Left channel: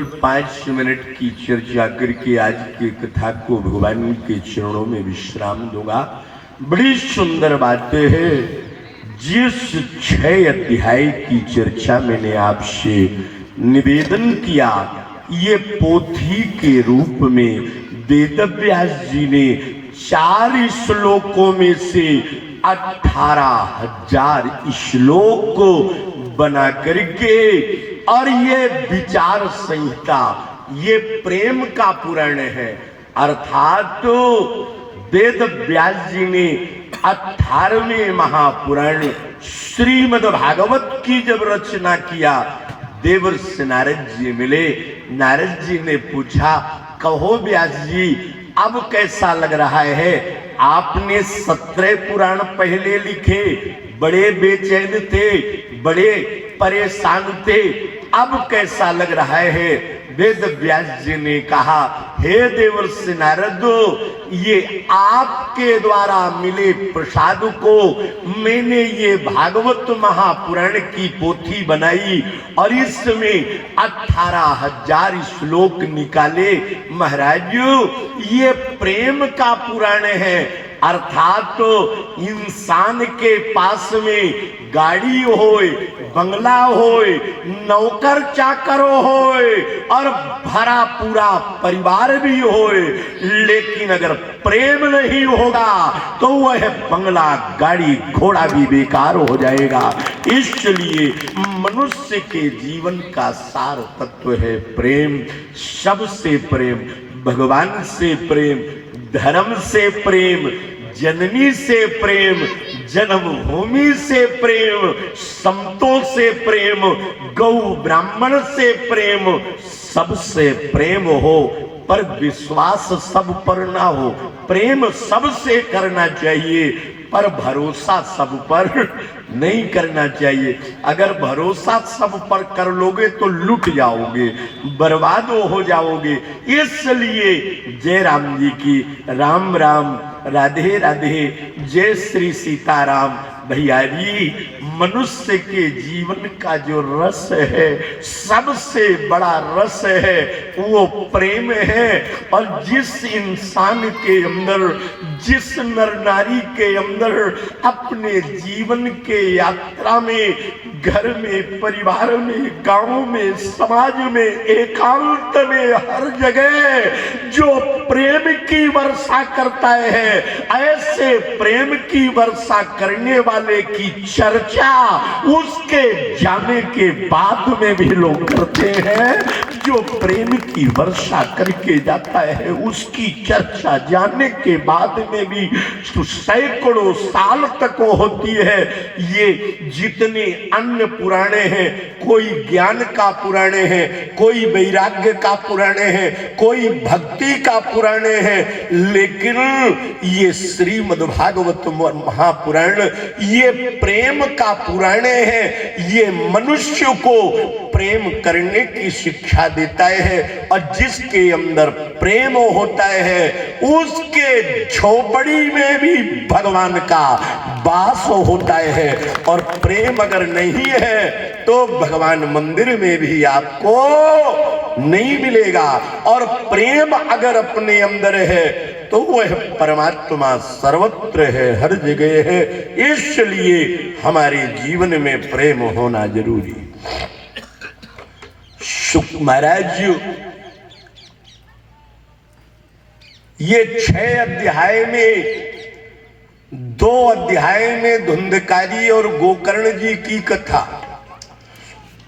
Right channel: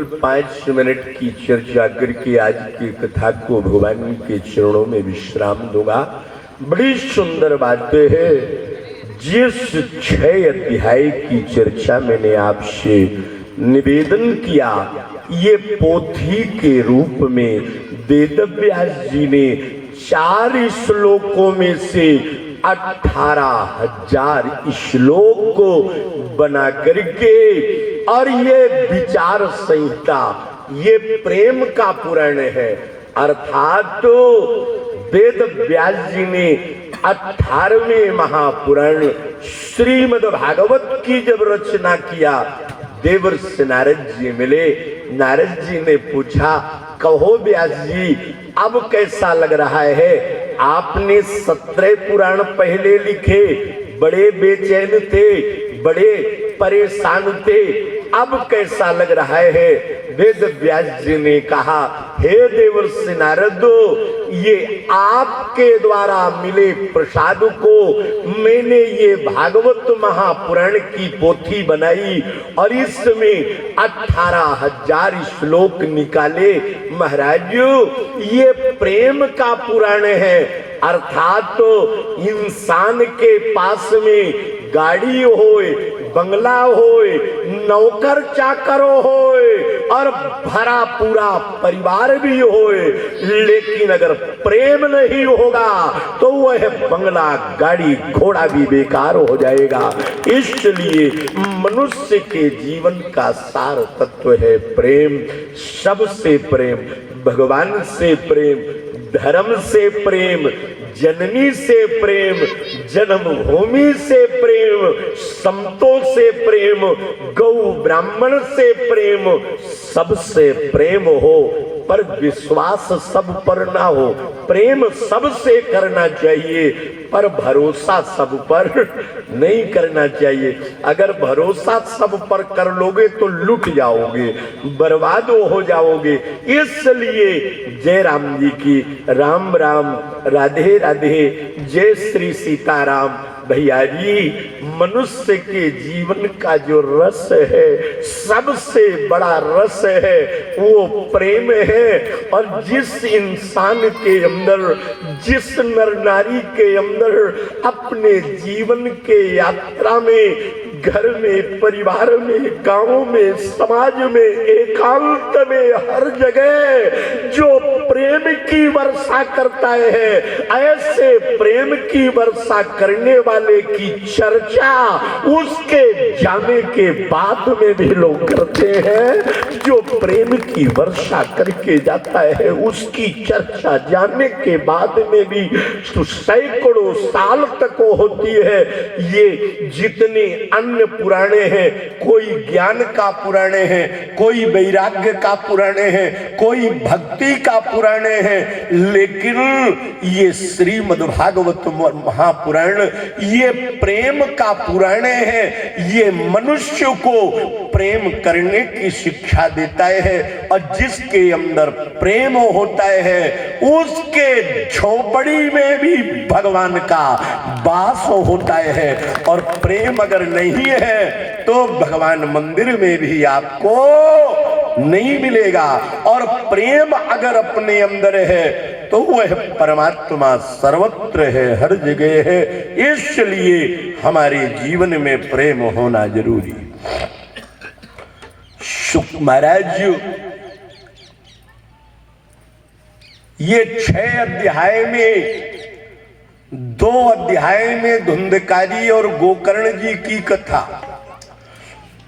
केवल 5 मिनट की चर्चा करके आज की कथा को भगवान के चरणों में विश्राम दूंगा। बड़ी सुंदर बातें है। जिस 6 अध्याय की चर्चा मैंने आपसे निवेदन किया, ये पोथी के रूप में वेदव्यास जी ने 4 श्लोकों में से 18,000 श्लोक को बना करके, और ये विचार संहिता, ये प्रेम का पुराण है। अर्थात तो वेद व्यास जी ने 18वें महापुराण श्रीमद् भागवत की जब रचना किया, देवर्षि नारद जी मिले। नारद जी ने पूछा, कहो व्यास जी अब कैसा लग रहा है? आपने 17 पुराण पहले लिखे, बड़े बेचैन थे, बड़े परेशान थे, अब कैसा लग रहा है? वेद व्यास जी ने कहा, हे देवर्षि नारद, ये आपके द्वारा मिले प्रसाद को मैंने ये भागवत महापुराण की पोथी बनाई और इसमें 18,000 श्लोक निकाले। महाराज, ये प्रेम का पुराण है। अर्थात तो इंसान के पास में गाड़ी होए, बंगला होए, नौकर चाकर होए और भरा पूरा परिवार भी होए, लेकिन अगर प्रेम नहीं होगा तो वह बंगला, गाड़ी, घोड़ा भी बेकार हो जाएगा। इसलिए मनुष्य के जीवन का सार तत्व है प्रेम। सबसे प्रेम, भगवान से प्रेम, धर्म से प्रेम, जननी से प्रेम, जन्मभूमि से प्रेम, संतों से प्रेम, गौ ब्राह्मण से प्रेम, सबसे प्रेम हो, पर विश्वास सब पर ना हो। प्रेम सबसे करना चाहिए, पर भरोसा सब पर नहीं करना चाहिए। अगर भरोसा सब पर कर लोगे तो लुट जाओगे, बर्बाद हो जाओगे। इसलिए जय राम जी की, राम राम, राधे राधे, जय श्री सीताराम। भैया जी, मनुष्य के जीवन का जो रस है, सबसे बड़ा रस है, वो प्रेम है। और जिस इंसान के अंदर, जिस नर नारी के अंदर अपने जीवन के यात्रा में, घर में, परिवार में, गांव में, समाज में, एकांत में, हर जगह जो प्रेम की वर्षा करता है, ऐसे प्रेम की वर्षा करने वाले की चर्चा उसके जाने के बाद में भी लोग करते हैं। जो प्रेम की वर्षा करके जाता है, उसकी चर्चा जाने के बाद में भी सैकड़ों साल तक होती है। ये जितने अन्य पुराणे हैं, कोई ज्ञान का पुराणे है, कोई वैराग्य का पुराणे है, कोई भक्ति का पुराणे है, लेकिन ये श्रीमद् भागवत महापुराण ये प्रेम का पुराणे है। ये मनुष्य को प्रेम करने की शिक्षा देता है, और जिसके अंदर प्रेम होता है उसके झोपड़ी में भी भगवान का वास होता है। और प्रेम अगर नहीं है तो भगवान मंदिर में भी आपको नहीं मिलेगा। और प्रेम अगर अपने अंदर है तो वह परमात्मा सर्वत्र है, हर जगह है। इसलिए हमारे जीवन में प्रेम होना जरूरी। महाराज, ये 6 अध्याय में, 2 अध्याय में धुंधकारी और गोकर्ण जी की कथा,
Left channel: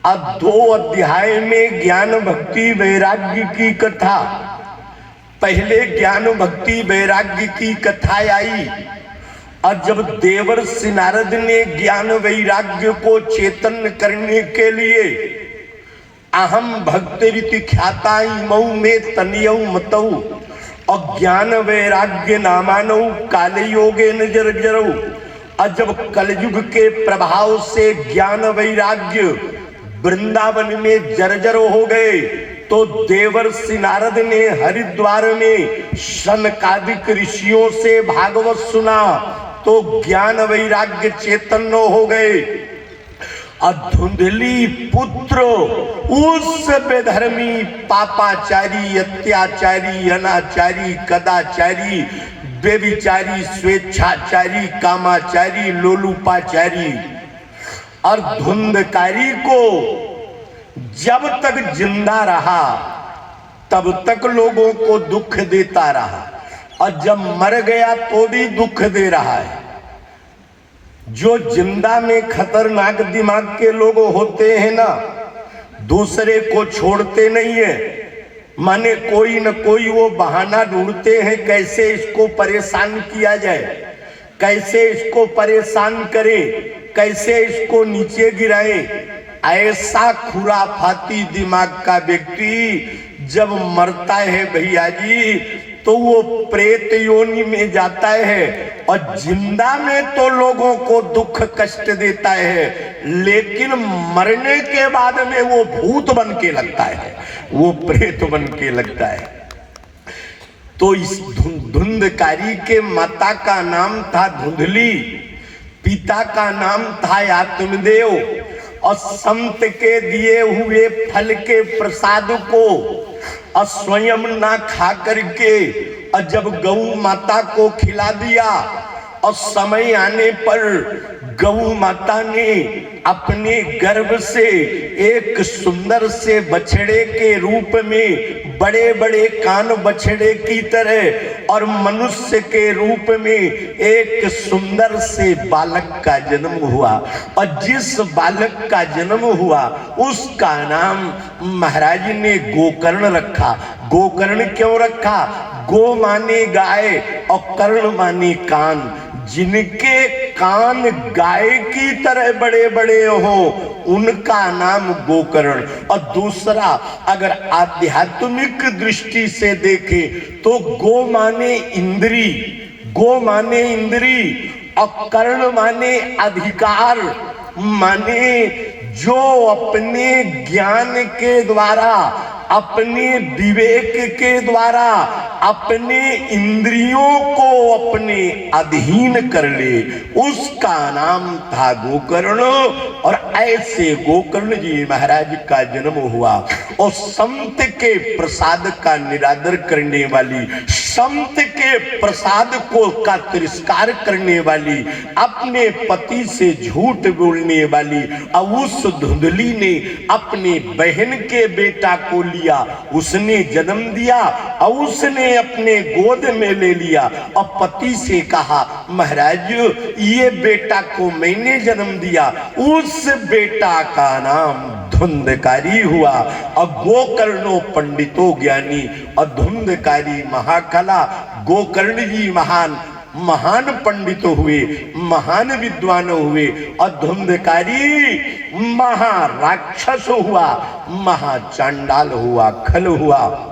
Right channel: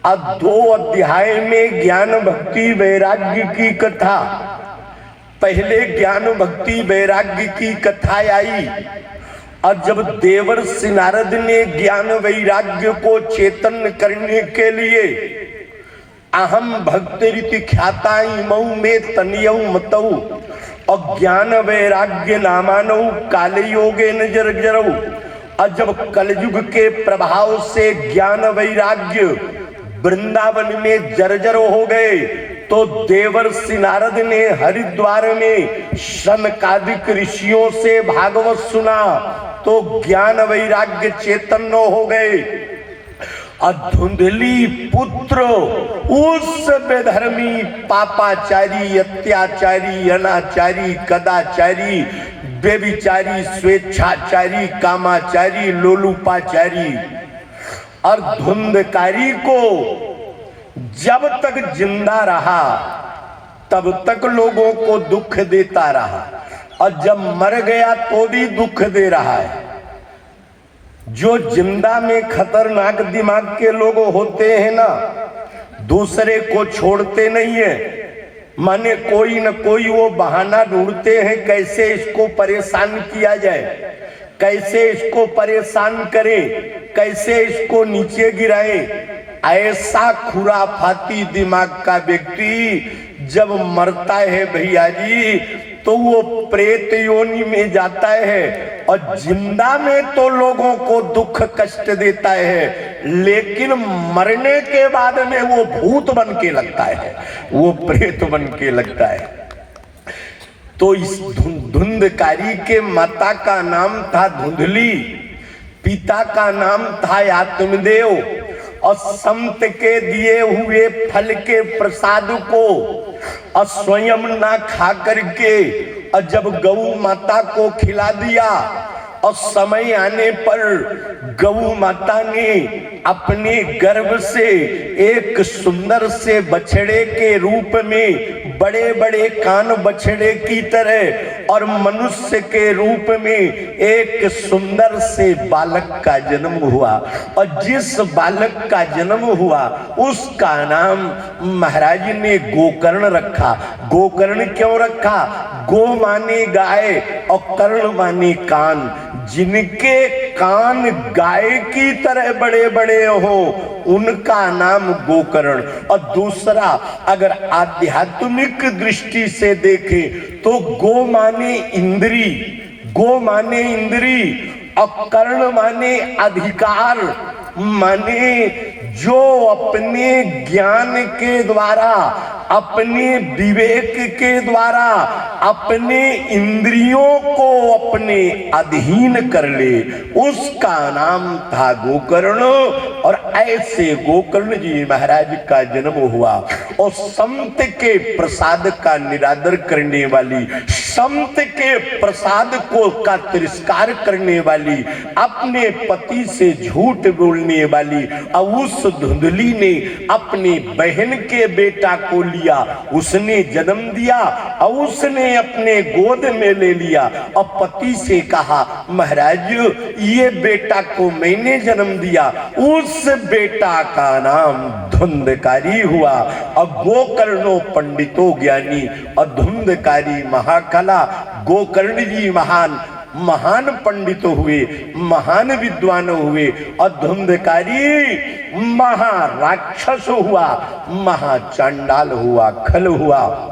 अब 2 अध्याय में ज्ञान भक्ति वैराग्य की कथा। पहले ज्ञान भक्ति वैराग्य की कथा आई, और जब देवर्षि नारद ने ज्ञान वैराग्य को चेतन करने के लिए अहम भक्ति रीति ख्याता मऊ में तनियऊ मतऊ और ज्ञान वैराग्य नामानऊ कालयोगे न जरजरऊ, और जब कलयुग के प्रभाव से ज्ञान वैराग्य वृंदावन में जर्जर हो गए, तो देवर्षि नारद ने हरिद्वार में सनकादिक ऋषियों से भागवत सुना, तो ज्ञान वैराग्य चैतन्य हो गए। धुंधली पुत्र उस बेधर्मी पापाचारी, अत्याचारी, अनाचारी, कदाचारी, बेविचारी, स्वेच्छाचारी, कामाचारी, लोलुपाचारी और धुंधकारी को जब तक जिंदा रहा तब तक लोगों को दुख देता रहा, और जब मर गया तो भी दुख दे रहा है। जो जिंदा में खतरनाक दिमाग के लोग होते हैं ना, दूसरे को छोड़ते नहीं है, माने कोई न कोई वो बहाना ढूंढते हैं कैसे इसको परेशान किया जाए, कैसे इसको परेशान करे, कैसे इसको नीचे गिराए। ऐसा खुराफाती दिमाग का व्यक्ति जब मरता है भैया जी, तो वो प्रेत योनि में जाता है, और जिंदा में तो लोगों को दुख कष्ट देता है, लेकिन मरने के बाद में वो भूत बन के लगता है, वो प्रेत बन के लगता है। तो इस धुंधकारी के माता का नाम था धुंधली, पिता का नाम था आत्मदेव, और संत के दिए हुए फल के प्रसाद को और स्वयं ना खा करके, और जब गौ माता को खिला दिया, और समय आने पर गौ माता ने अपने गर्भ से एक सुंदर से बछड़े के रूप में, बड़े बड़े कान बछड़े की तरह, और मनुष्य के रूप में एक सुंदर से बालक का जन्म हुआ। और जिस बालक का जन्म हुआ उसका नाम महाराज ने गोकर्ण रखा। गोकर्ण क्यों रखा? गो माने गाय और कर्ण माने कान। जिनके कान गाय की तरह बड़े बड़े हो उनका नाम गोकर्ण। और दूसरा, अगर आध्यात्मिक दृष्टि से देखे तो गो माने इंद्री, गो माने इंद्री, और कर्ण माने अधिकार, माने जो अपने ज्ञान के द्वारा, अपने विवेक के द्वारा अपने इंद्रियों को अपने अधीन कर ले, उसका नाम था गोकर्ण। और ऐसे गोकर्ण जी महाराज का जन्म हुआ। और संत के प्रसाद का निरादर करने वाली, संत के प्रसाद को का तिरस्कार करने वाली, अपने पति से झूठ बोलने वाली, और उस धुंधली ने अपने बहन के बेटा को लिया, उसने जन्म दिया, और उसने अपने गोद में ले लिया, और पति से कहा महाराज ये बेटा को मैंने जन्म दिया। उस बेटा का नाम धुंधकारी हुआ। और गोकर्णो पंडितो ज्ञानी, और धुंधकारी महाकला। गोकर्ण जी महान महान पंडित हुए, महान विद्वान हुए, और धुंधकारी महाराक्षस हुआ, महाचांडाल हुआ, खल हुआ।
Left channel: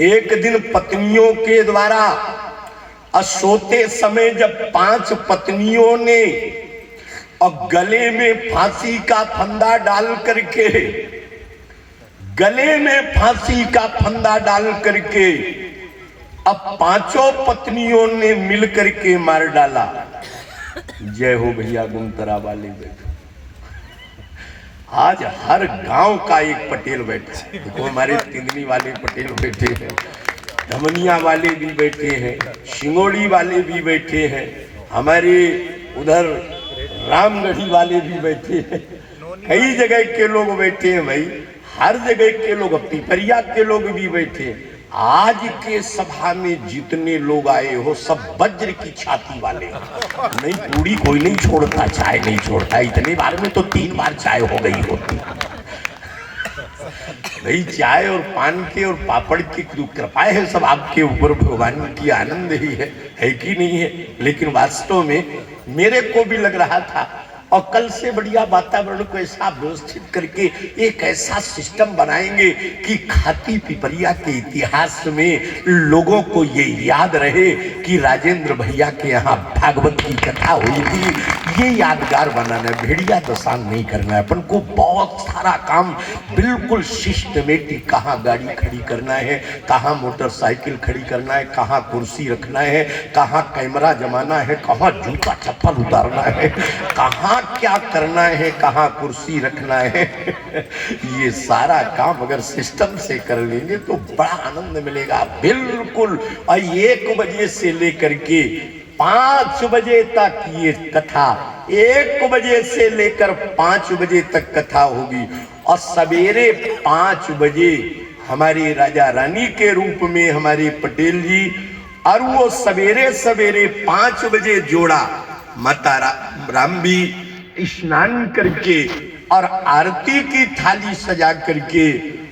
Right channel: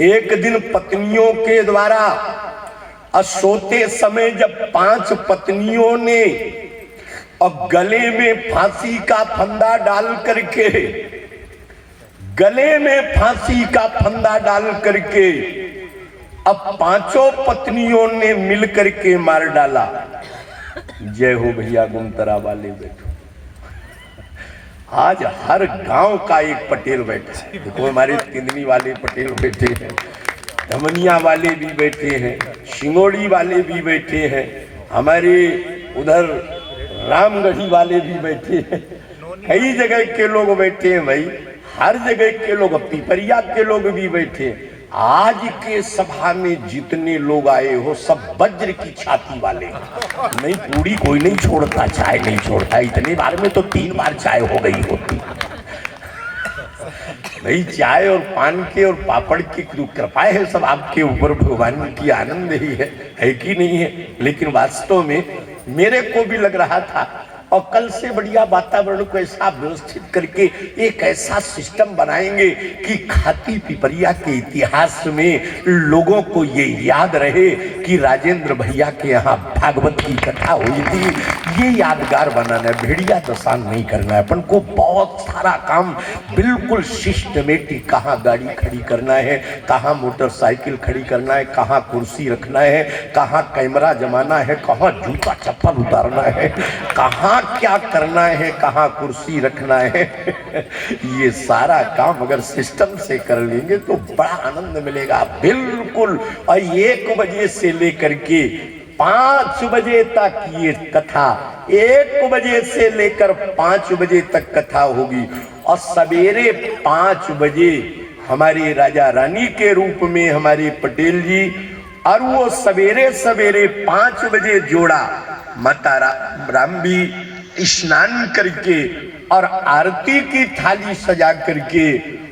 एक दिन पत्नियों के द्वारा सोते समय जब 5 पत्नियों ने और गले में फांसी का फंदा डाल करके, गले में फांसी का फंदा डाल करके अब 5 पत्नियों ने मिल करके मार डाला। जय हो भैया गुंतरा वाले बैठो। आज हर गांव का एक पटेल बैठा है। देखो हमारे तिंदनी वाले पटेल बैठे हैं, धमनिया वाले भी बैठे हैं, शिंगोड़ी वाले भी बैठे हैं, हमारे उधर रामगढ़ी वाले भी बैठे हैं, कई जगह के लोग बैठे हैं भाई, हर जगह के लोग, पिपरिया के लोग भी बैठे हैं। आज के सभा में जितने लोग आए हो सब वज्र की छाती वाले। नहीं पूरी कोई नहीं छोड़ता, चाय नहीं छोड़ता। इतने बार में तो 3 बार चाय हो गई होती। भाई चाय और पान के और पापड़ की कृपा है सब आपके ऊपर, भगवान की आनंद ही है कि नहीं है। लेकिन वास्तव में मेरे को भी लग रहा था, और कल से बढ़िया वातावरण को ऐसा व्यवस्थित करके एक ऐसा सिस्टम बनाएंगे कि खाती पिपरिया के इतिहास में लोगों को ये याद रहे कि राजेंद्र भैया के यहाँ भागवत की कथा हुई थी। ये यादगार बनाना है, भेड़िया दशांग नहीं करना है अपन को। बहुत सारा काम बिल्कुल सिस्टमेटिक, कहाँ गाड़ी खड़ी करना है, कहाँ मोटरसाइकिल खड़ी करना है, कहाँ कुर्सी रखना है, कहाँ कैमरा जमाना है, कहाँ जूता चप्पल उतारना है, कहाँ कहाँ क्या करना है, कहाँ कुर्सी रखना है ये सारा काम अगर सिस्टम से कर लेंगे तो बड़ा आनंद मिलेगा। बिल्कुल 1 बजे से लेकर के 5 बजे तक ये कथा, 1 बजे से लेकर 5 बजे तक कथा होगी। और सवेरे 5 बजे हमारे राजा रानी के रूप में हमारे पटेल जी, और वो सवेरे सवेरे 5 बजे जोड़ा माता राम भी स्नान करके और आरती की थाली सजा करके,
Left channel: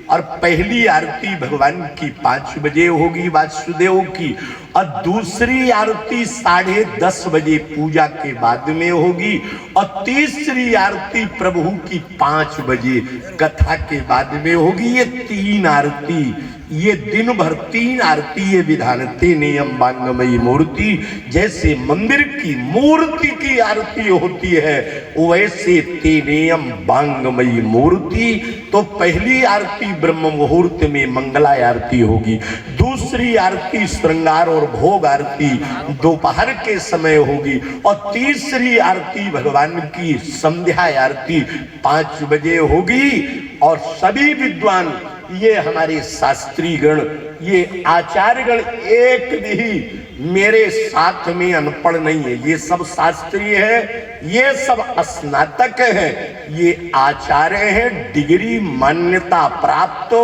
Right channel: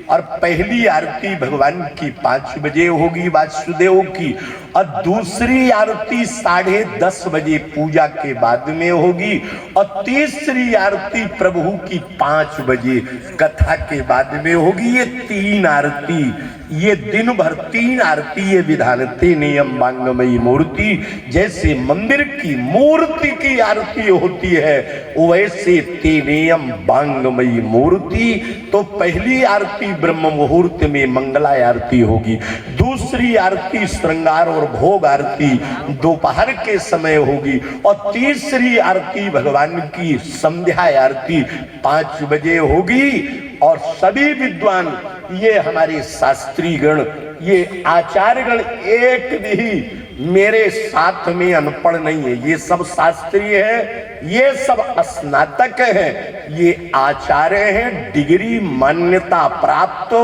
और पहली आरती भगवान की 5 बजे होगी वासुदेव की, और दूसरी आरती 10:30 बजे पूजा के बाद में होगी, और तीसरी आरती प्रभु की 5 बजे कथा के बाद में होगी। ये 3 आरती, ये दिन भर 3 आरती ये विधानते नियम बांगमयी मूर्ति। जैसे मंदिर की मूर्ति की आरती होती है वैसे तेनेयम बांगमयी मूर्ति। तो पहली आरती ब्रह्म मुहूर्त में मंगला आरती होगी, दूसरी आरती श्रृंगार और भोग आरती दोपहर के समय होगी, और तीसरी आरती भगवान की संध्या आरती 5 बजे होगी। और सभी विद्वान, ये हमारे शास्त्री गण, ये आचार्य गण एक भी मेरे साथ में अनपढ़ नहीं है, ये सब शास्त्री हैं, ये सब स्नातक हैं, ये आचार्य हैं, डिग्री मान्यता प्राप्त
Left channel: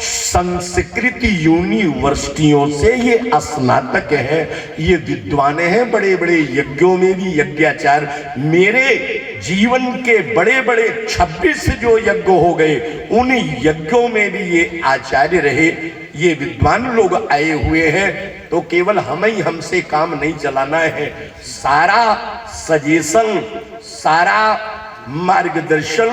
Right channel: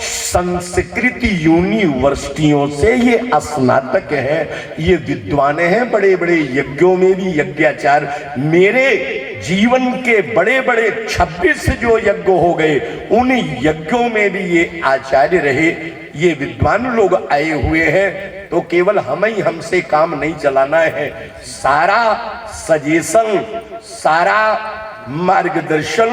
संस्कृत यूनिवर्सिटियों से ये स्नातक है, ये विद्वान हैं, बड़े बड़े यज्ञों में भी यज्ञाचार्य। मेरे जीवन के बड़े बड़े 26 जो यज्ञ हो गए उन यज्ञों में भी ये आचार्य रहे, ये विद्वान लोग आए हुए हैं। तो केवल हम ही हमसे काम नहीं चलाना है, सारा सजेशन, सारा मार्गदर्शन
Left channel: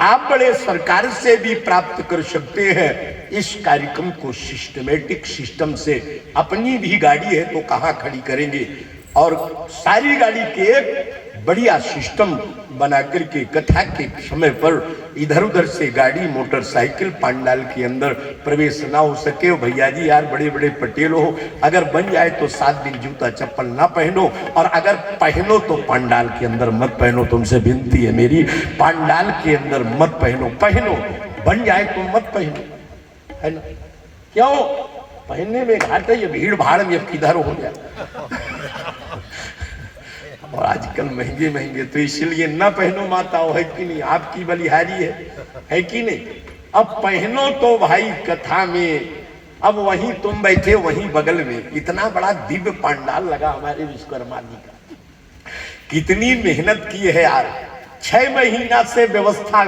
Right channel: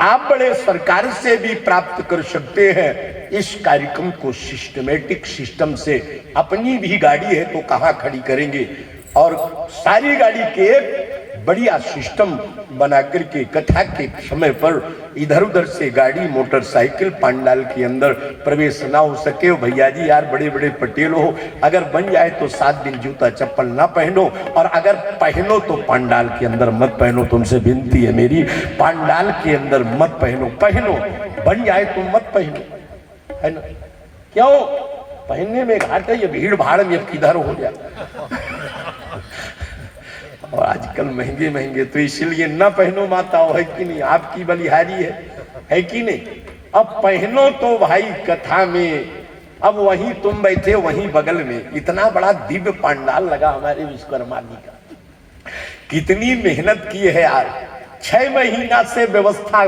आप बड़े सरकार से भी प्राप्त कर सकते हैं। इस कार्यक्रम को सिस्टमेटिक सिस्टम से, अपनी भी गाड़ी है तो कहाँ खड़ी करेंगे, और सारी गाड़ी के बढ़िया सिस्टम बना करके कथा के समय पर इधर उधर से गाड़ी मोटरसाइकिल पंडाल के अंदर प्रवेश ना हो सके। भैया जी यार बड़े बड़े पटेल हो, अगर बन जाए तो 7 दिन जूता चप्पल ना पहनो, और अगर पहनो तो पंडाल के अंदर मत पहनो। तुमसे विनती है मेरी, पंडाल के अंदर मत पहनो, पहनो बन जाए तो मत पहनो, है ना? क्यों पहनने में घाटा, ये भीड़ भाड़ में अब किधर हो गया और आजकल महंगे महंगे, तो इसलिए ना पहनो माताओं, है कि नहीं? आपकी बलिहारी है कि नहीं? अब पहनो तो भाई कथा में, अब वहीं तुम बैठे वहीं बगल में इतना बड़ा दिव्य पंडाल लगा हमारे विश्वकर्मा जी का, कितनी मेहनत की है यार। 6 महीना से व्यवस्था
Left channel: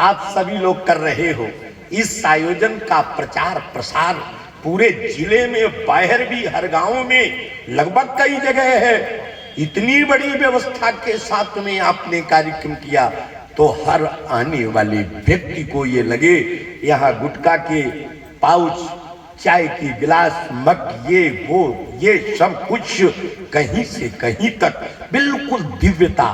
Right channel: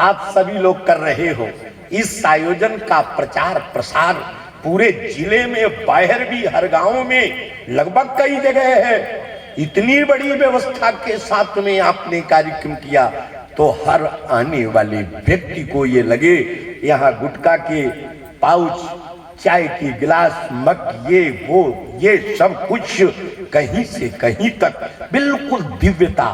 आप सभी लोग कर रहे हो। इस आयोजन का प्रचार प्रसार पूरे जिले में, बाहर भी, हर गांव में, लगभग कई जगह है। इतनी बड़ी व्यवस्था के साथ में आपने कार्यक्रम किया, तो हर आने वाले व्यक्ति को ये लगे यहाँ गुटखा के पाउच, चाय की गिलास, मग, ये वो, ये सब कुछ कहीं से कहीं तक बिल्कुल दिव्यता।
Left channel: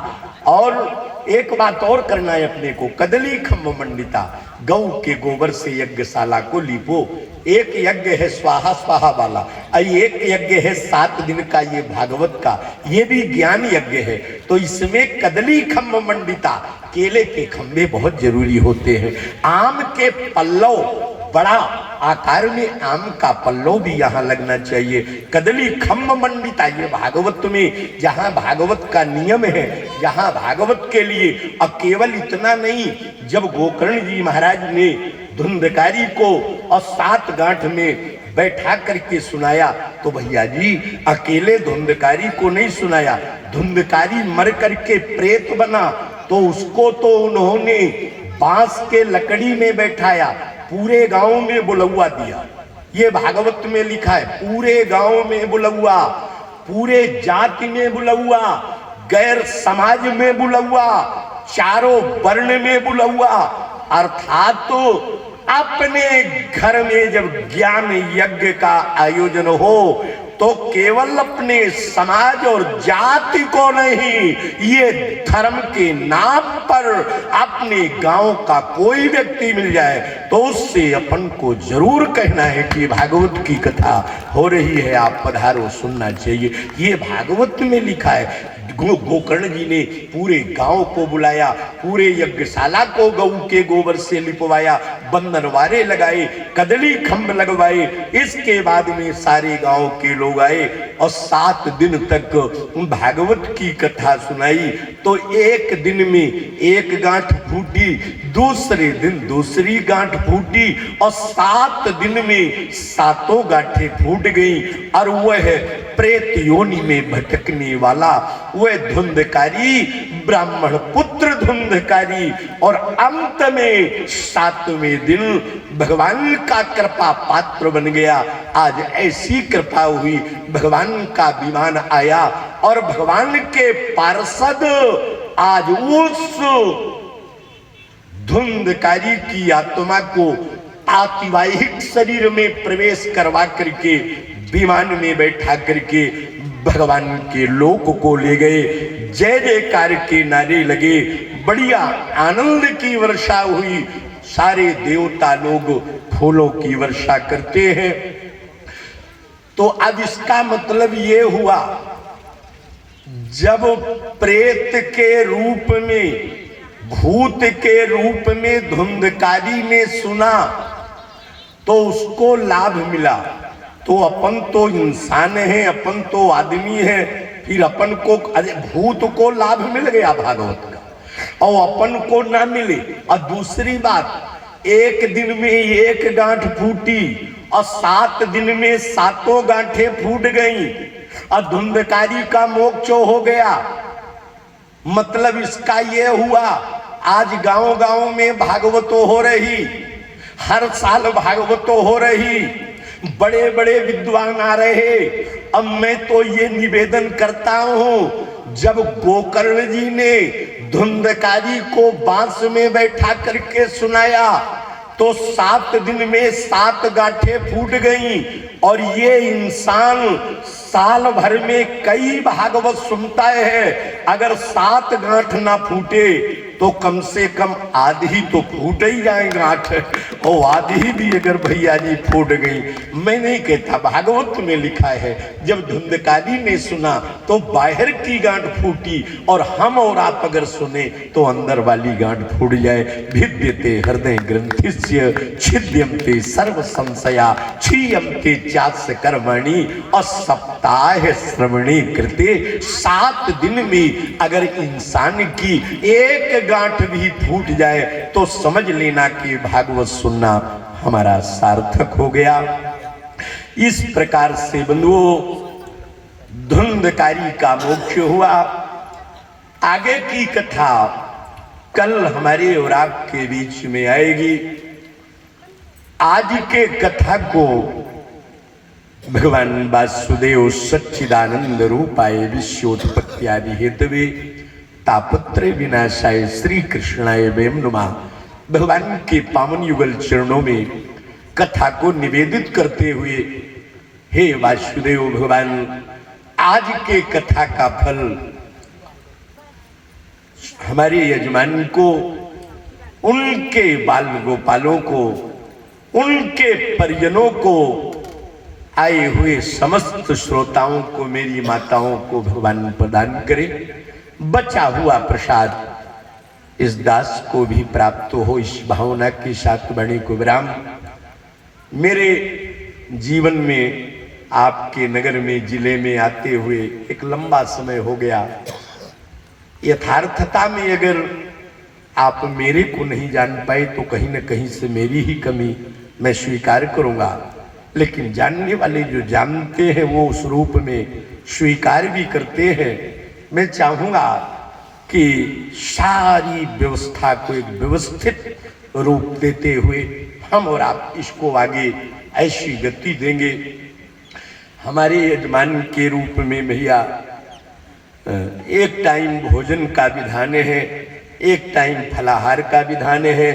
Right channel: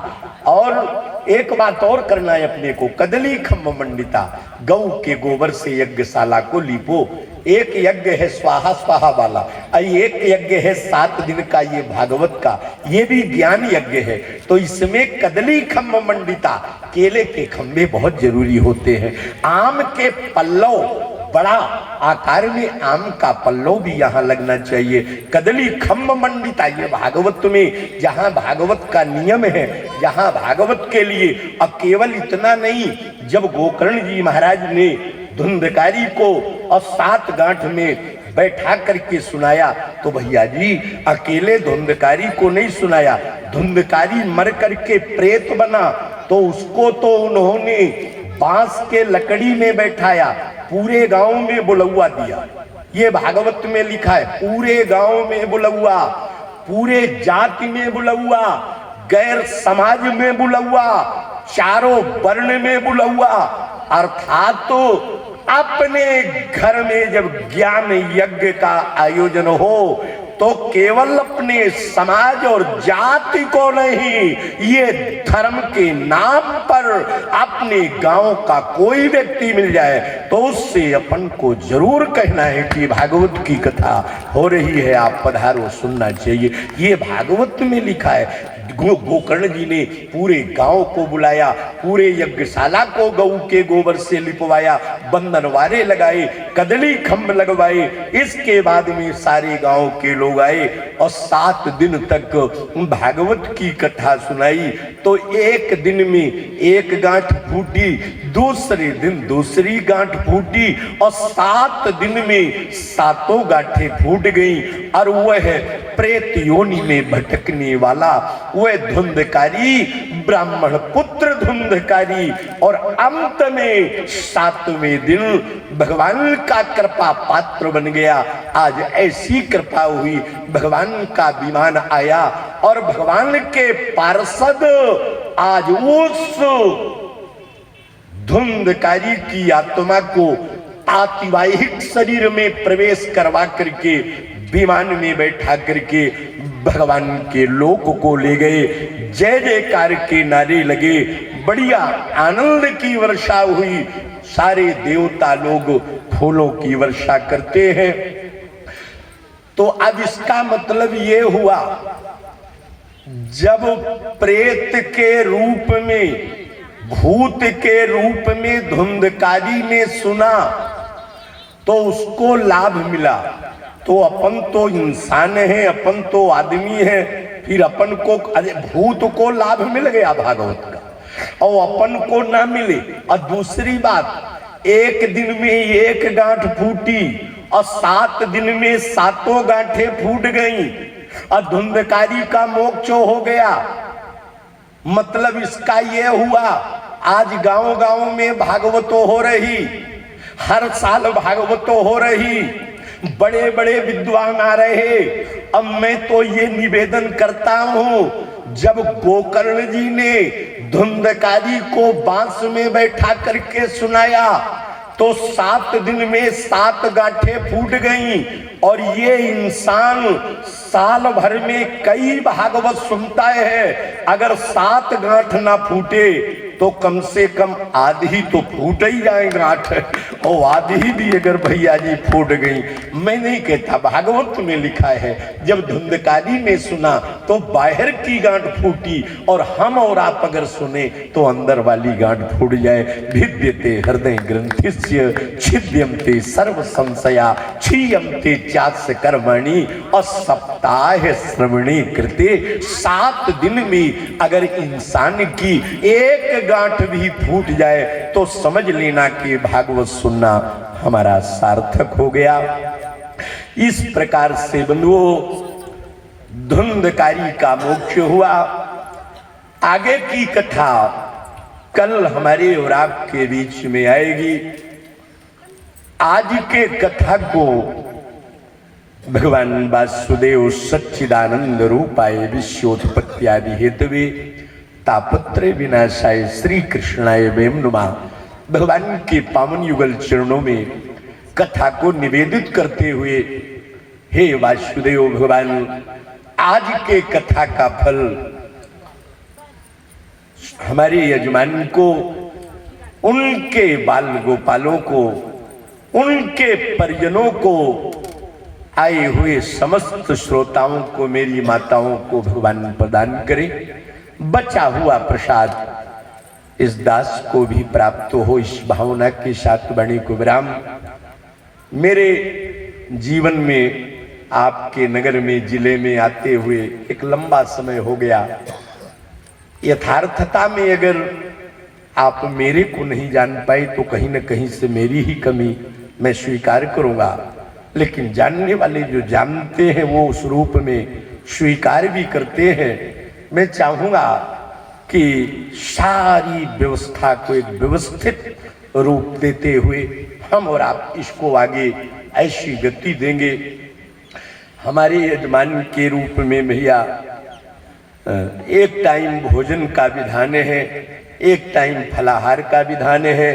और एक बात और करना है अपने को, कदली खम्भ मंडिता, गौ के गोबर से यज्ञशाला को लीपो। एक यज्ञ है स्वाहा स्वाहा वाला, एक यज्ञ है 7 दिन का ये भागवत का, ये भी ज्ञान यज्ञ है। तो इसमें कदली खम्भ मंडिता, केले के खम्भे बहुत जरूरी होते हैं। आम के पल्लव, बड़ा आकार में आम का पल्लव भी यहाँ लगना चाहिए। कदली खम्भ मंडिता, ये भागवत में, जहाँ भागवत का नियम है, जहाँ भागवत के लिए। अब केवल इतना नहीं, जब गोकर्ण जी महाराज ने धुंधकारी को और 7 गांठ में बैठा करके सुनाया, तो भैया जी अकेले धुंधकारी को नहीं सुनाया, धुंधकारी मर करके प्रेत बना तो उसको तो उन्होंने बांस के लकड़ी में बैठाया, पूरे गांव में बुलौआ दिया। ये भागवत में लिखा है, पूरे गांव में बुलौआ, पूरे जाति में बुलौआ, गैर समाज में बुलौआ, चारों वर्ण में बुलौआ। अर्थात तो अपने घर में जब ज्ञान यज्ञ का आयोजन हो तो केवल अपने समाज और जाति को नहीं, ये धर्म के नाम पर अपने गांव का कोई व्यक्ति मिल जाए तो उससे अपन को जरूर कहना है कि भागवत की कथा हो रही है, आप पधारो, सुनना चाहिए। ये भागवत में लिखा है। गोकर्ण जी ने पूरे गांव को बुलाया, पूरे यज्ञशाला को गऊ के गोबर से लिपवाया, बंधनवारे लगाए, कदली खंभ लगवाए। इसके बाद में सारे गांव के लोग आए और 7 दिन तक भागवत की कथा सुनाई। तो एक दिन में एक गांठ फूटी, दूसरे दिन दूसरी गांठ फूटी और 7 दिन में 7 गांठें फूट गई। और वह प्रेत योनि में भटकने वाला, वह धुंधकारी ब्राह्मण पुत्र धुंधकारी, और अंत में 7वें दिन भगवान का कृपा पात्र बन गया। आज ऐसी कृपा हुई, भगवान का विमान आया और भगवान के पार्षद आज उस धुंधकारी की आत्मा को आतिवाहिक शरीर में प्रवेश करवा करके विमान में बैठा करके भगवान के लोक को ले गए। जय जयकार के नारे लगे, बढ़िया आनंद की वर्षा हुई। सारे देवता लोग फूलों की वर्षा करते हैं। तो अब इसका मतलब ये हुआ, जब प्रेत के रूप में, भूत के रूप में धुंधकारी ने सुना तो उसको लाभ मिला। तो अपन तो इंसान है, अपन तो आदमी है, फिर अपन को भूत को लाभ मिल गया भागवत का और अपन को ना मिले। और दूसरी बात, एक दिन में एक गांठ फूटी और 7 दिन में 7 गांठें फूट गई और धुंधकारी का मोक्ष हो गया। मतलब इसका ये हुआ, आज गांव गांव में भागवतों हो रही, हर साल भागवतों हो रही, बड़े बड़े विद्वान आ रहे। अब मैं तो ये निवेदन करता हूं, जब गोकर्ण जी ने धुंधकारी को बांस में बैठा करके सुनाया तो 7 दिन में 7 गांठें फूट गईं। और ये इंसान साल भर में कई भागवत सुनता है, अगर 7 गांठ ना फूटे तो कम से कम आधी तो फूट ही जाए गांठ, और आधी भी अगर भैया जी फूट गई। मैं नहीं कहता, भागवत में लिखा है जब धुंधकारी ने सुना तो बाहर की गांठ फूटी, और हम और आप अगर सुने तो अंदर वाली गांठ फूट जाए। भिद्यते हृदय ग्रंथिस्य छिद्यन्ते सर्व संशया क्षीयन्ते चास्य कर्मणि और सप्ताह श्रवणे कृते। 7 दिन में अगर इंसान की एक गांठ भी फूट जाए तो समझ लेना कि भागवत सुनना हमारा सार्थक हो गया। इस प्रकार से बंधुओं, धुंधकारी का मोक्ष हुआ। आगे की कथा कल हमारे और आपके बीच में आएगी। आज के कथा को भगवान वासुदेव सच्चिदानंद रूपाय विश्वोत्पत्त्यादि हेतवे तापत्रय विनाशाय श्री कृष्णाय वयं नमः भगवान के पावन युगल चरणों में कथा को निवेदित करते हुए, हे वासुदेव भगवान, आज के कथा का फल हमारे यजमान को, उनके बाल गोपालों को, उनके परिजनों को, आए हुए समस्त श्रोताओं को, मेरी माताओं को भगवान प्रदान करे। बचा हुआ प्रसाद इस दास को भी प्राप्त हो, इस भावना के साथ वाणी को विराम। मेरे जीवन में आपके नगर में, जिले में आते हुए एक लंबा समय हो गया। यथार्थता में अगर आप मेरे को नहीं जान पाए तो कहीं न कहीं से मेरी ही कमी मैं स्वीकार करूंगा, लेकिन जानने वाले जो जानते हैं वो उस रूप में स्वीकार भी करते हैं। मैं चाहूंगा कि सारी व्यवस्था को एक व्यवस्थित रूप देते हुए हम और आप इसको आगे ऐसी गति देंगे। हमारे यजमान के रूप में भैया एक टाइम भोजन का विधान है, एक टाइम फलाहार का विधान है।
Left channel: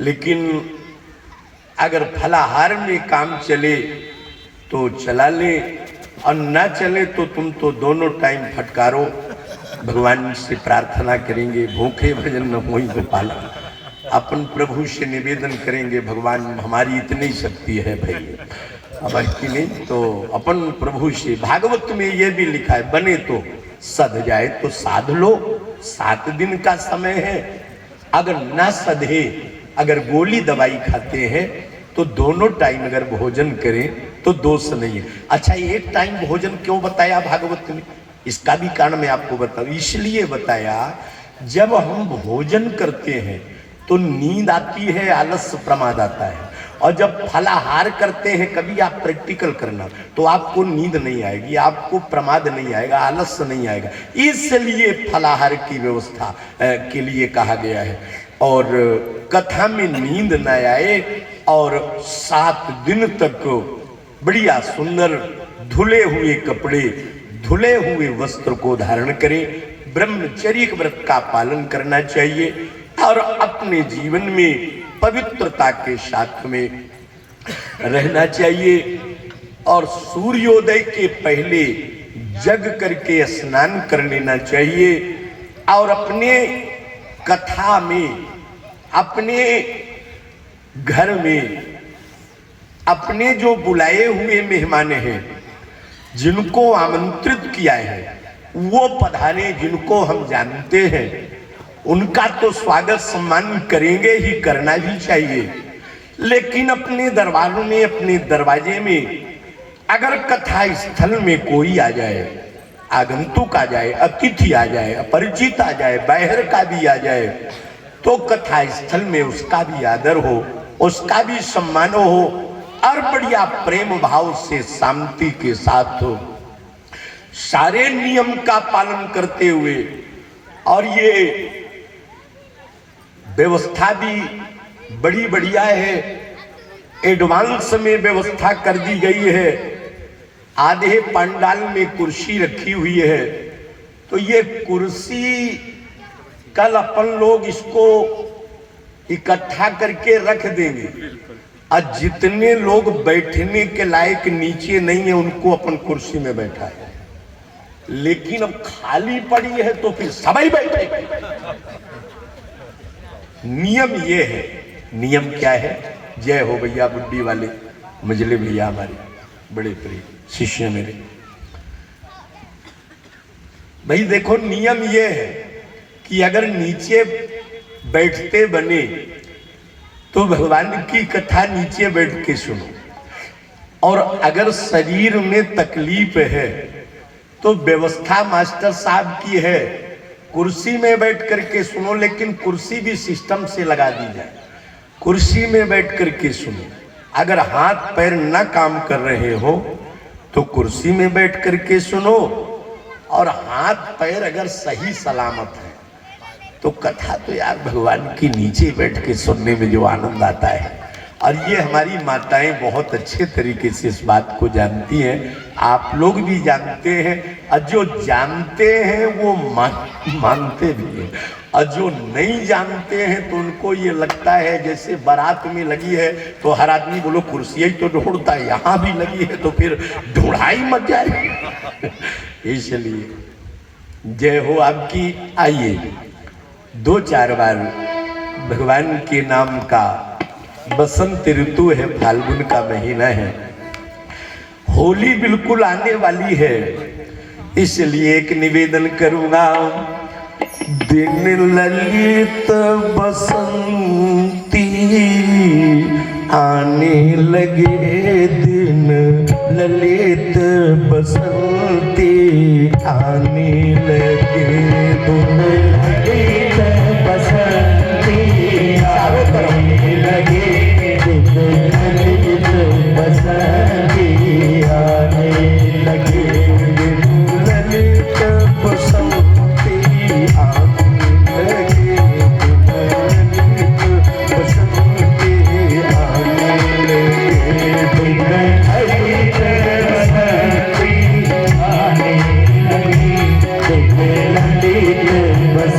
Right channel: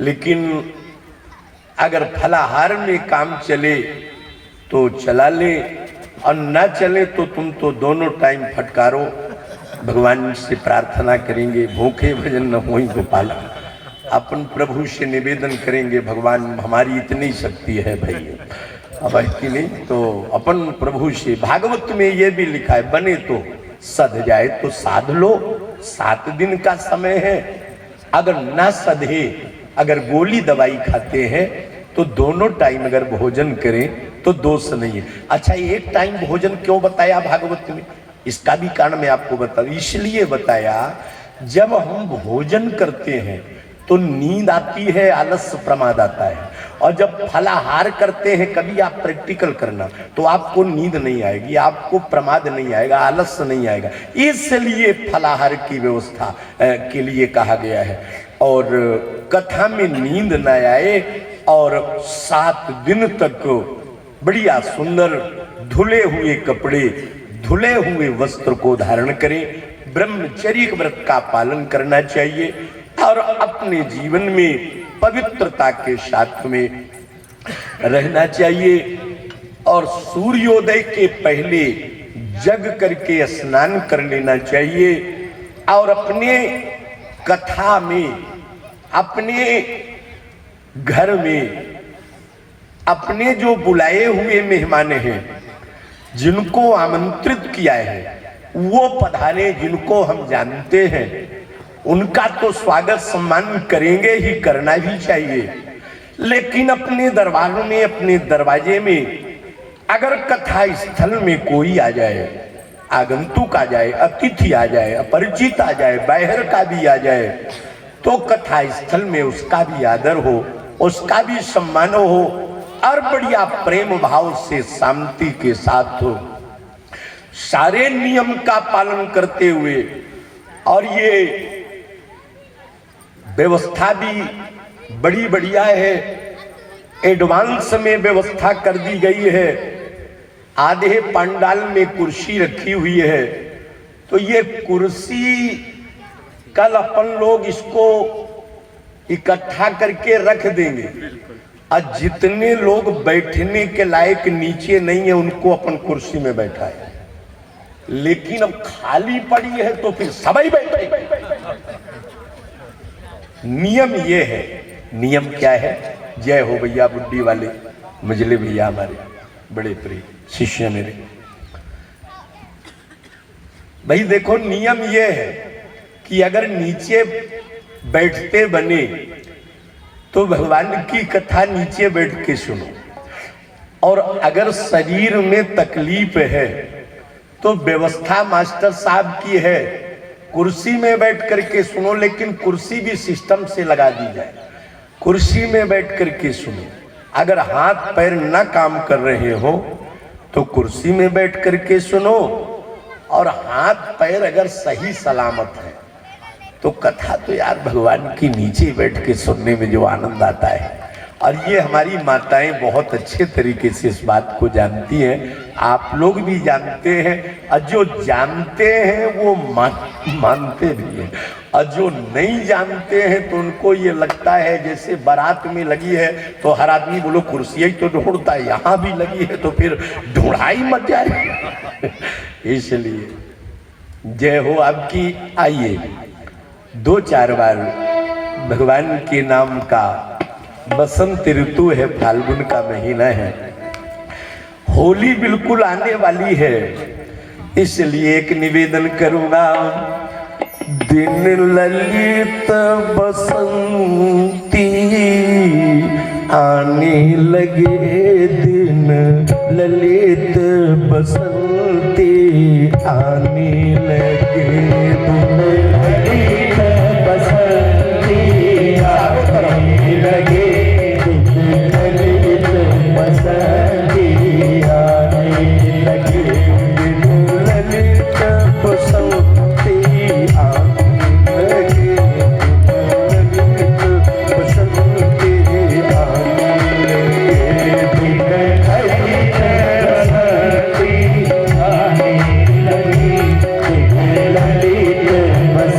लेकिन अगर फलाहार में काम चले तो चला ले, और न चले तो तुम तो दोनों टाइम फटकारो। भगवान से प्रार्थना करेंगे, भूखे भजन न होई गोपाल। अपन प्रभु से निवेदन करेंगे, भगवान हमारी इतनी शक्ति है भाई, अब की नहीं तो अपन प्रभु से। भागवत में ये भी लिखा है, बने तो सध जाए तो साध लो, 7 दिन का समय है। अगर ना सधे, अगर गोली दवाई खाते हैं तो दोनों टाइम अगर भोजन करें तो दोष नहीं है। अच्छा, एक टाइम भोजन क्यों बताया भागवत ने? इसका भी कारण मैं आपको बताऊं। इसलिए बताया, जब हम भोजन करते हैं तो नींद आती है, आलस्य प्रमाद आता है। और जब फलाहार करते हैं, कभी आप प्रैक्टिकल करना, तो आपको नींद नहीं आएगी, आपको प्रमाद नहीं आएगा, आलस्य नहीं आएगा। इसलिए फलाहार की व्यवस्था के लिए कहा गया है। और कथा में नींद न आए और 7 दिन तक बढ़िया सुंदर धुले हुए कपड़े, धुले हुए वस्त्र को धारण करें। ब्रह्मचर्य व्रत का पालन करना चाहिए और अपने जीवन में पवित्रता के साथ में रहना चाहिए। और सूर्योदय के पहले जग करके स्नान कर लेना चाहिए। और अपने कथा में, अपने घर में, अपने जो बुलाए हुए मेहमान हैं, जिनको आमंत्रित किया है, वो पधारे, जिनको हम जानते हैं, उनका तो स्वागत सम्मान करेंगे ही, करना भी चाहिए। लेकिन अपने दरबारों में, अपने दरवाजे में अगर कथा स्थल में कोई आ जाए, आगंतुक आ जाए, अतिथि आ जाए, अपरिचित आ जाए, बाहर का भी आ जाए, तो कथा स्थल में उसका भी आदर हो, उसका भी सम्मान हो और बढ़िया प्रेम भाव से शांति के साथ हो, सारे नियम का पालन करते हुए। और ये व्यवस्था भी बड़ी बढ़िया है, एडवांस में व्यवस्था कर दी गई है। आधे पंडाल में कुर्सी रखी हुई है, तो ये कुर्सी कल अपन लोग इसको इकट्ठा करके रख देंगे, और जितने लोग बैठने के लायक नीचे नहीं है, उनको अपन कुर्सी में बैठा है। लेकिन अब खाली पड़ी है तो फिर सभी बैठे। नियम ये है। नियम क्या है? जय हो भैया बुड्ढी वाले, मजले भैया हमारे बड़े प्रिय शिष्य मेरे। भाई देखो, नियम ये है कि अगर नीचे बैठते बने तो भगवान की कथा नीचे बैठ के सुनो। और अगर शरीर में तकलीफ है तो व्यवस्था मास्टर साहब की है, कुर्सी में बैठ करके सुनो, लेकिन कुर्सी भी सिस्टम से लगा दी जाए। कुर्सी में बैठ करके सुनो। अगर हाथ पैर ना काम कर रहे हो तो कुर्सी में बैठ करके सुनो, और हाथ पैर अगर सही सलामत है तो कथा तो यार भगवान की नीचे बैठ के सुनने में जो आनंद आता है। और ये हमारी माताएं बहुत अच्छे तरीके से इस बात को जानती हैं, आप लोग भी जानते हैं, और जो जानते हैं वो मानते भी हैं, और जो नहीं जानते हैं तो उनको ये लगता है जैसे बारात में लगी है तो हर आदमी बोलो कुर्सियाँ ही तो ढूंढता है, यहाँ भी लगी है तो फिर ढूंढाई मत जाए। इसलिए जय हो आपकी। आइए 2-4 बार भगवान के नाम का, बसंत ऋतु है, फाल्गुन का महीना है, होली बिल्कुल आने वाली है, इसलिए एक निवेदन करूंगा। दिन ललित बसंती आने लगे, दिन ललित बसंती आने लगे, दिन ललित बसंती आने लगे, दिन ललित बसंती आने लगे, दिन ललित बसंती आने लगे, दिन ललित बसंती आने लगे, दिन ललित बसंती आने लगे, दिन ललित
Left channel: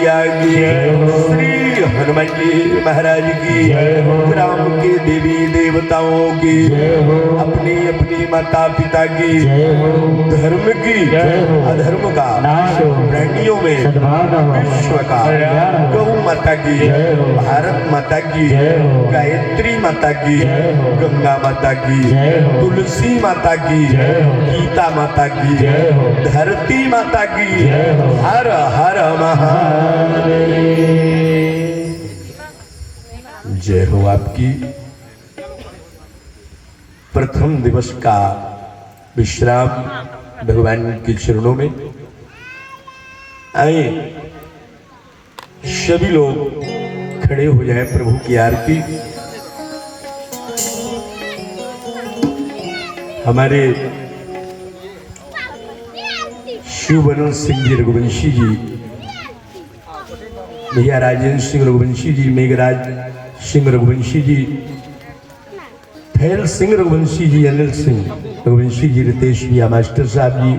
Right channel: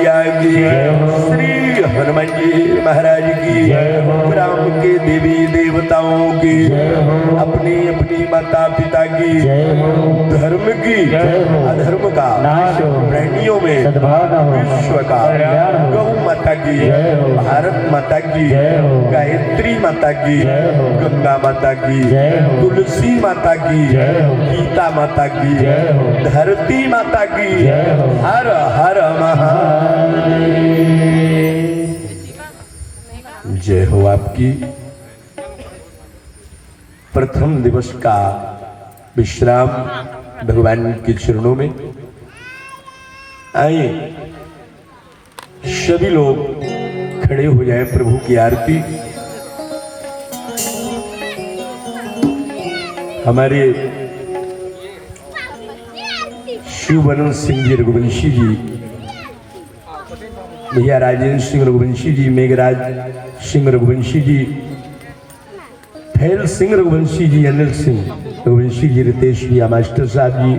मैया की, श्री हनुमान जी महाराज की, ग्राम के देवी देवताओं की, अपनी अपनी माता पिता की, धर्म की, अधर्म का, प्राणियों में विश्व का, गौ माता की, भारत माता की, गायत्री माता की, गंगा माता की, तुलसी माता की, गीता माता की, धरती माता की, हर हर महादेव। जय हो आपकी। प्रथम दिवस का विश्राम भगवान के चरणों में। आइए सभी लोग खड़े हो जाए, प्रभु की आरती। हमारे शिवबरन सिंह जी रघुवंशी जी, भैया राजेंद्र सिंह रघुवंशी जी, मेघराज सिंह रघुवंशी जी, फैल सिंह रघुवंशी जी, अनिल सिंह रघुवंशी जी, रितेश भैया, मास्टर साहब जी,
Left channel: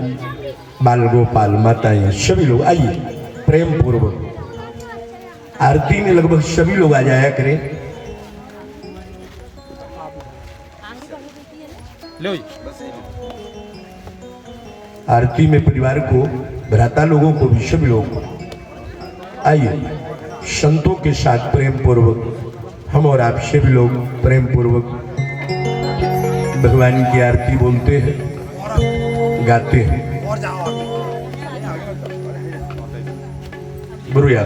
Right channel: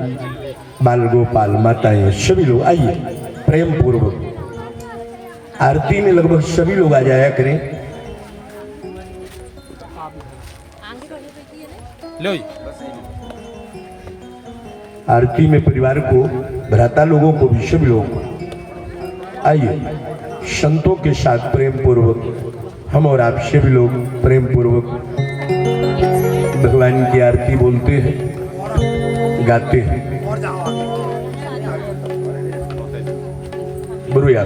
बाल गोपाल, माताएं, सभी लोग आइए प्रेम पूर्वक। आरती में लगभग सभी लोग आ जाया करें। आरती में परिवार को, भ्राता लोगों को भी, सभी लोग आइए संतों के साथ प्रेम पूर्वक हम और आप सभी लोग प्रेम पूर्वक भगवान की आरती बोलते हैं, गाते हैं। गुरुया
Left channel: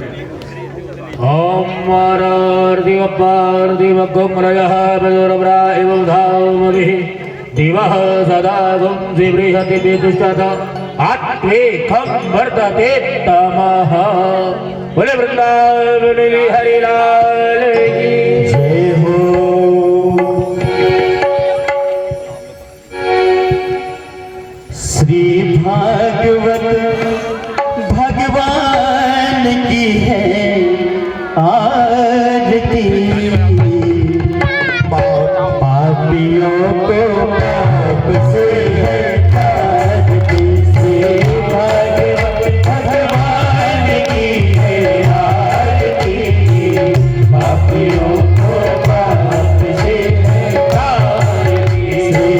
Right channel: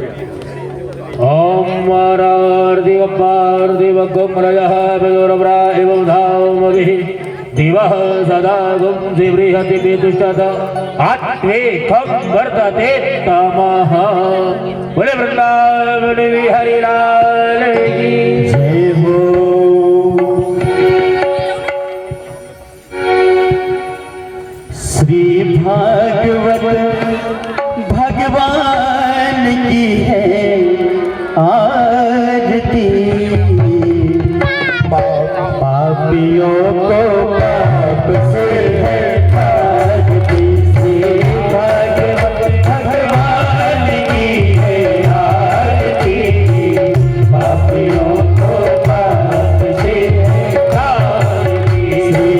ओम मारार्दिव पार्दिव गमरयः बजरब्राहिव धामगिः दिवः सदा गं जिबृहति विदुष्टद आत्मेकं वर्तते तमः। बोले वृंदावन हरि लाल की जय हो। श्री भागवत भगवान की है आरती, पापियों को पाप से है ताकती। श्री भागवत भगवान की है आरती, पापियों को पाप से है ताकती। श्री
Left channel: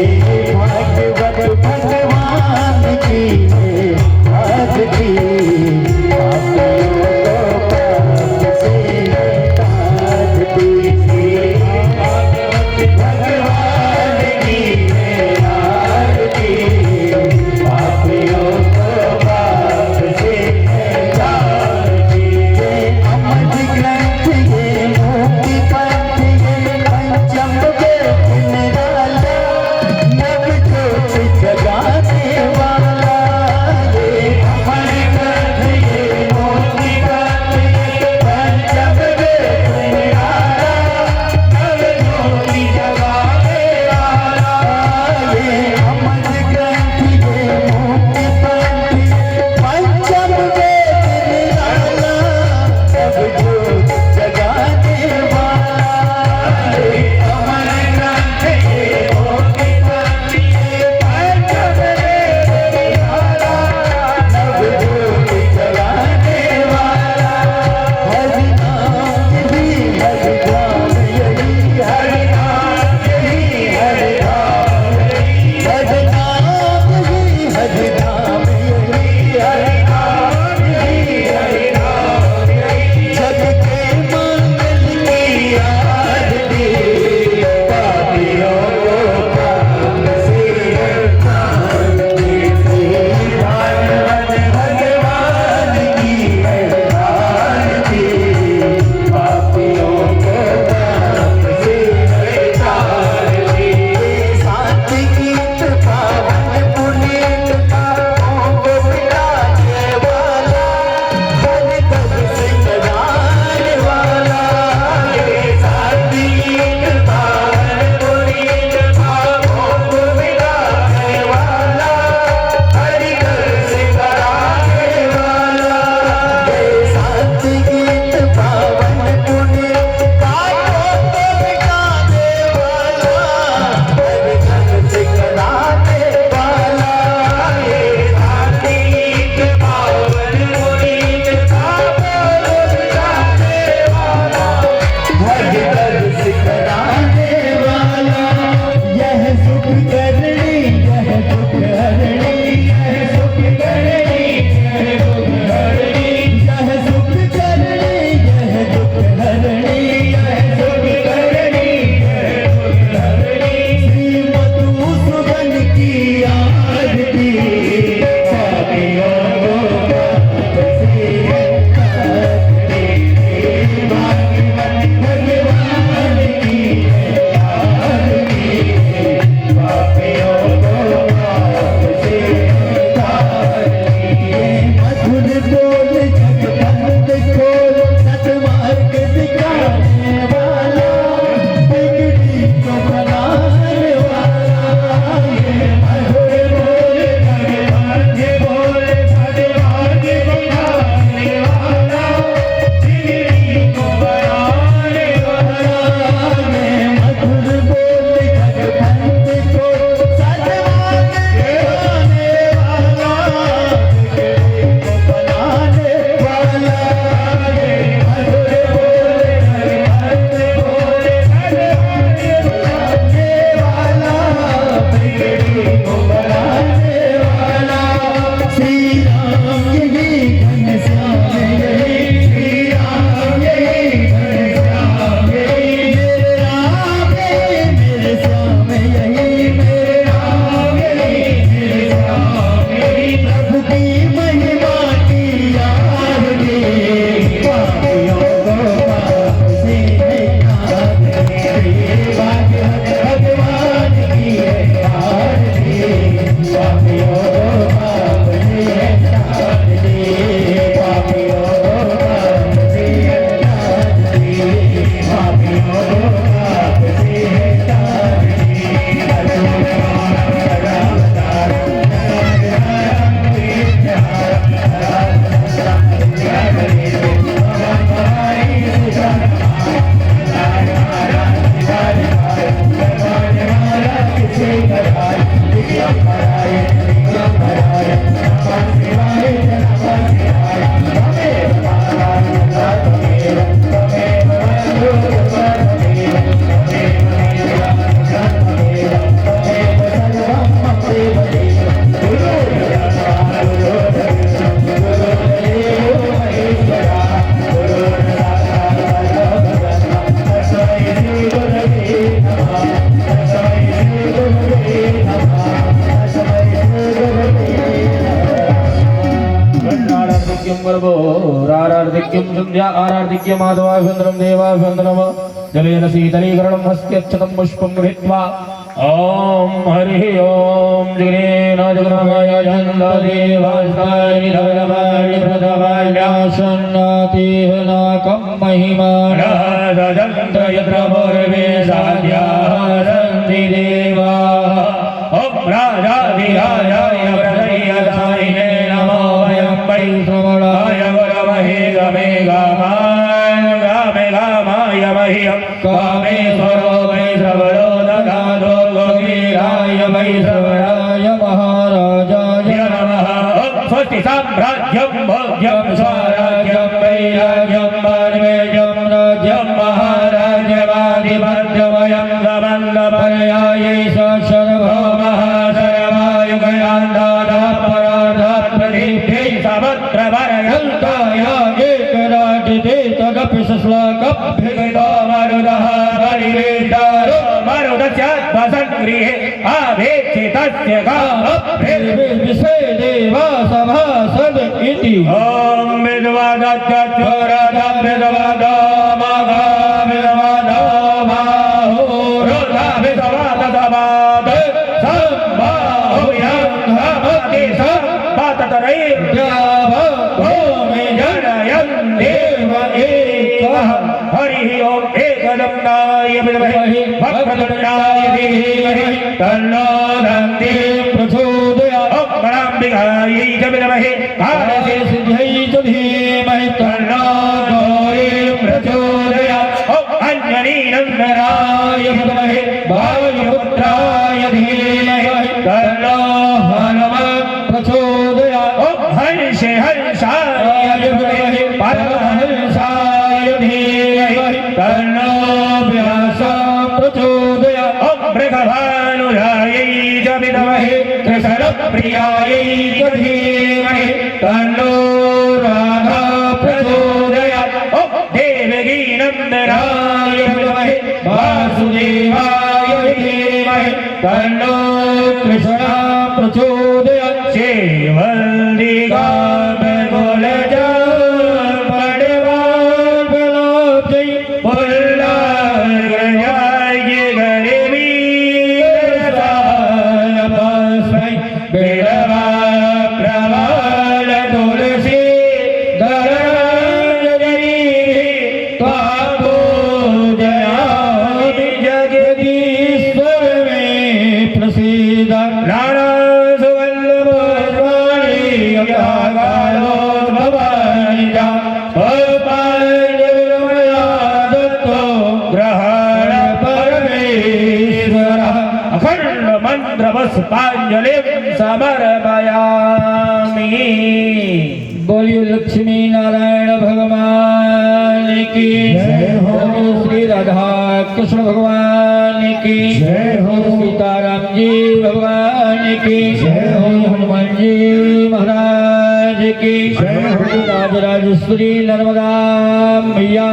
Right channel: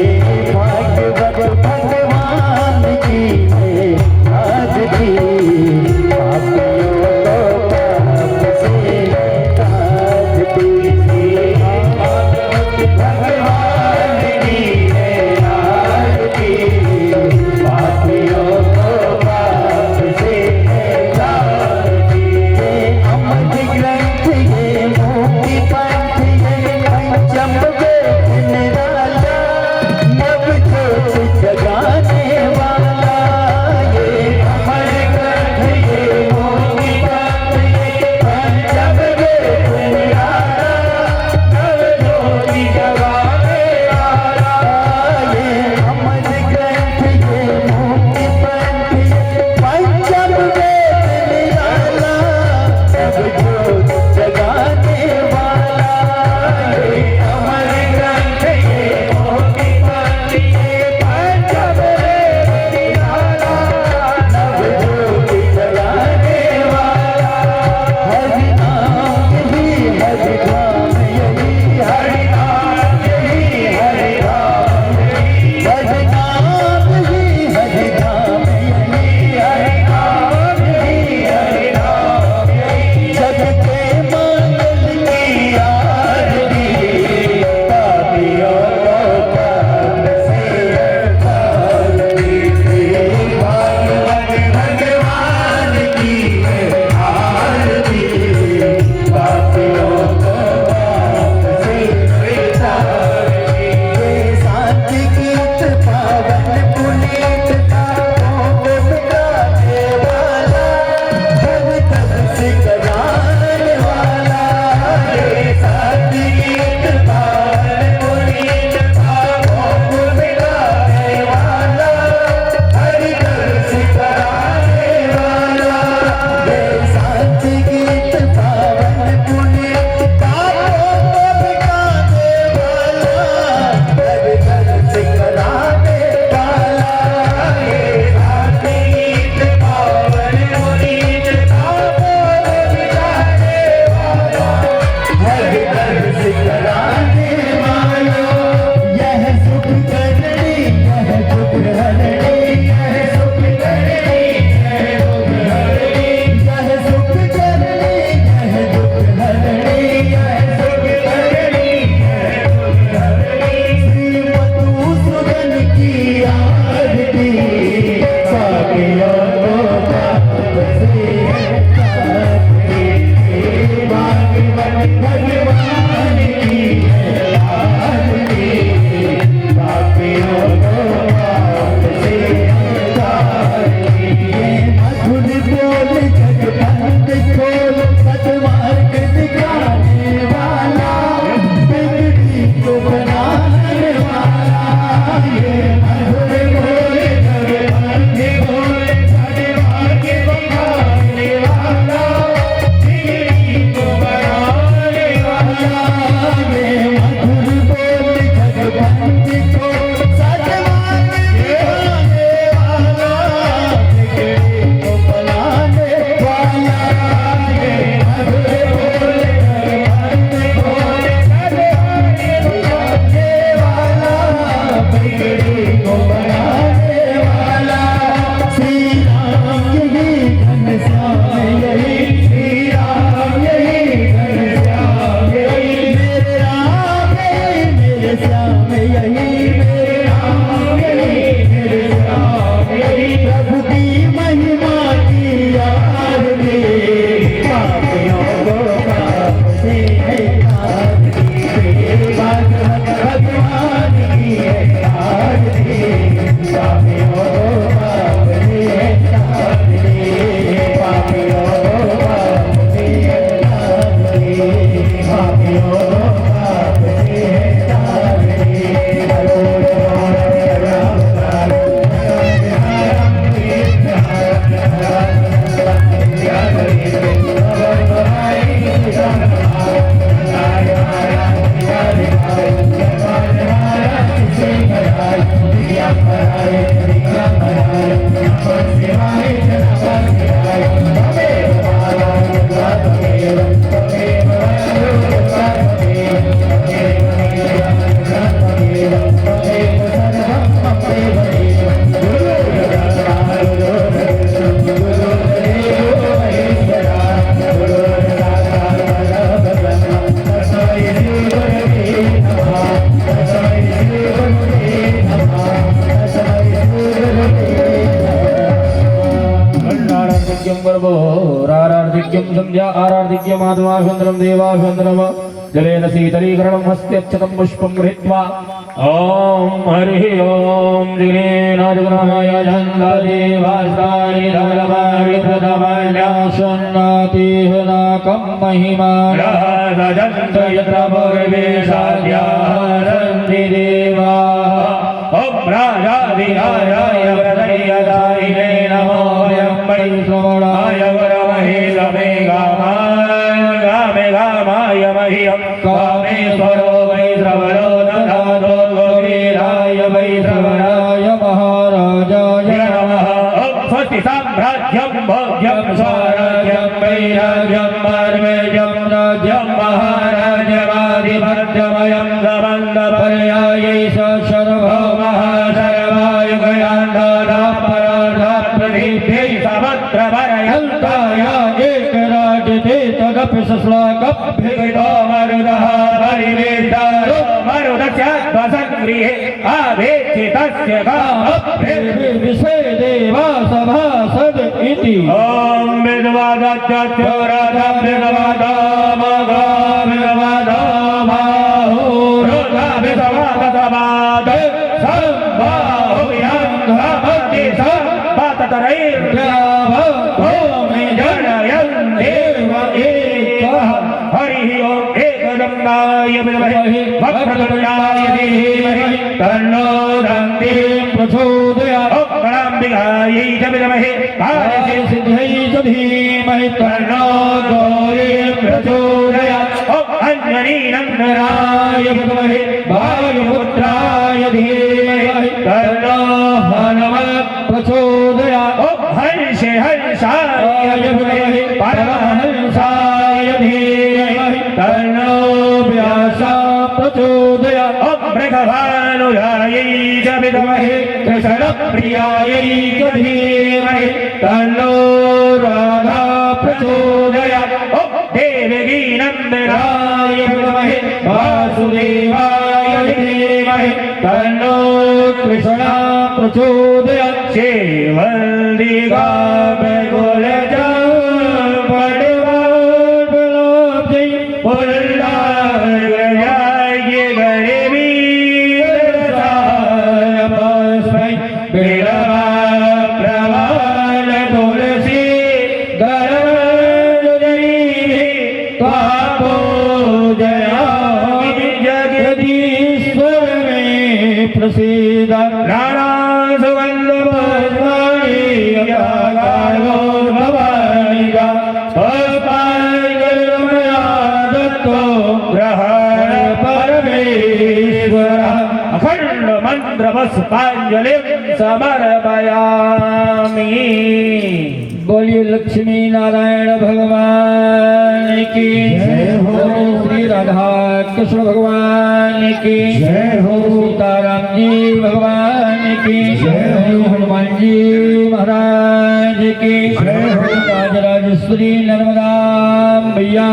भागवत भगवान की है आरती, पापियों को संध्या आराधिक्य माधवाभ्यन्तरं देवाभ्यन्तरं जलेन शीतलीकरणं हस्त्यच्छतं पुष्पं गृहीत्वा ॐ हरिः ॐ जगनेन जगन्मय चन्द्रदेवास्ताय नवलमाणि प्रथमाल्यासन्नातिः नाकं महिमानः रजन्त्र यत्र पूर्वेशाद्यारन्ति देवाः ॐ राजाधिराजाय प्रदय्यदायिने नमो वयं वै श्रवणाय वरमहे गमे गामाय मह्यं कामेश्वरो वै श्रवणो ददातो गोवीराय वै श्रवणाय महाराजाय नमः ॐ स्वस्ति साम्राज्यं भोज्यं स्वराज्यं वैराज्यं मार्वेजं राज्यं महाराजवादिभद्रमयं गमन्दपर्यायै सर्वभौमः सर्वायुगयान्दादापराधाप्रतिभ्यै समत्रपर्यन्ताय एकराजते तदपि सुश्लोकभ्युतो मरुदः परिवेष्टारो मरुदस्यात्मसङ्गृहे आवेक्षितस्य कामभ्युर्विषे देवा सभासद इति ॐ हरिः ॐ एकदन्ताय विद्महे वक्रतुण्डाय धीमहि तन्नो दन्ति प्रचोदयात् ॐ गणाम्बिकायै च विद्महे कार्यसिद्ध्यै च धीमहि तन्नो गौरी प्रचोदयात् ॐ अञ्जनीनन्दनाय विद्महे वायुपुत्राय धीमहि तन्नो हनुमत् प्रचोदयात् ॐ हंसाय विद्महे परमहंसाय धीमहि तन्नो व्यासः प्रचोदयात् ॐ मृगभानुजायै च विद्महे कृष्णप्रियायै च धीमहि तन्नो राधा प्रचोदयात् ॐ देवकीनन्दनाय विद्महे वासुदेवाय धीमहि तन्नो कृष्णः प्रचोदयात् श्रीवल्लिका पुष्पांजलिं समर्पयामि। बोलिए लक्ष्मी नारायण भगवान की जय हो, श्री राधा कृष्ण भगवान की जय हो, सीताराम जी भगवान की जय हो, हनुमान जी महाराज की जय हो, राजराजेश्वरी नर्मदा मैया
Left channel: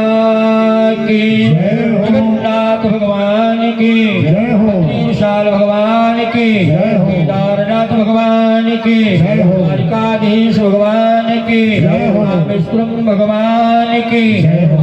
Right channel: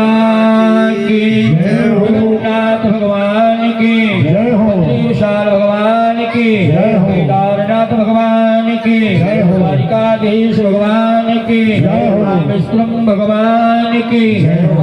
की जय हो, नाथ भगवान की जय हो, विशाल भगवान की जय हो, केदारनाथ भगवान की जय हो, द्वारिकाधीश भगवान की जय हो, विष्णु भगवान की जय हो।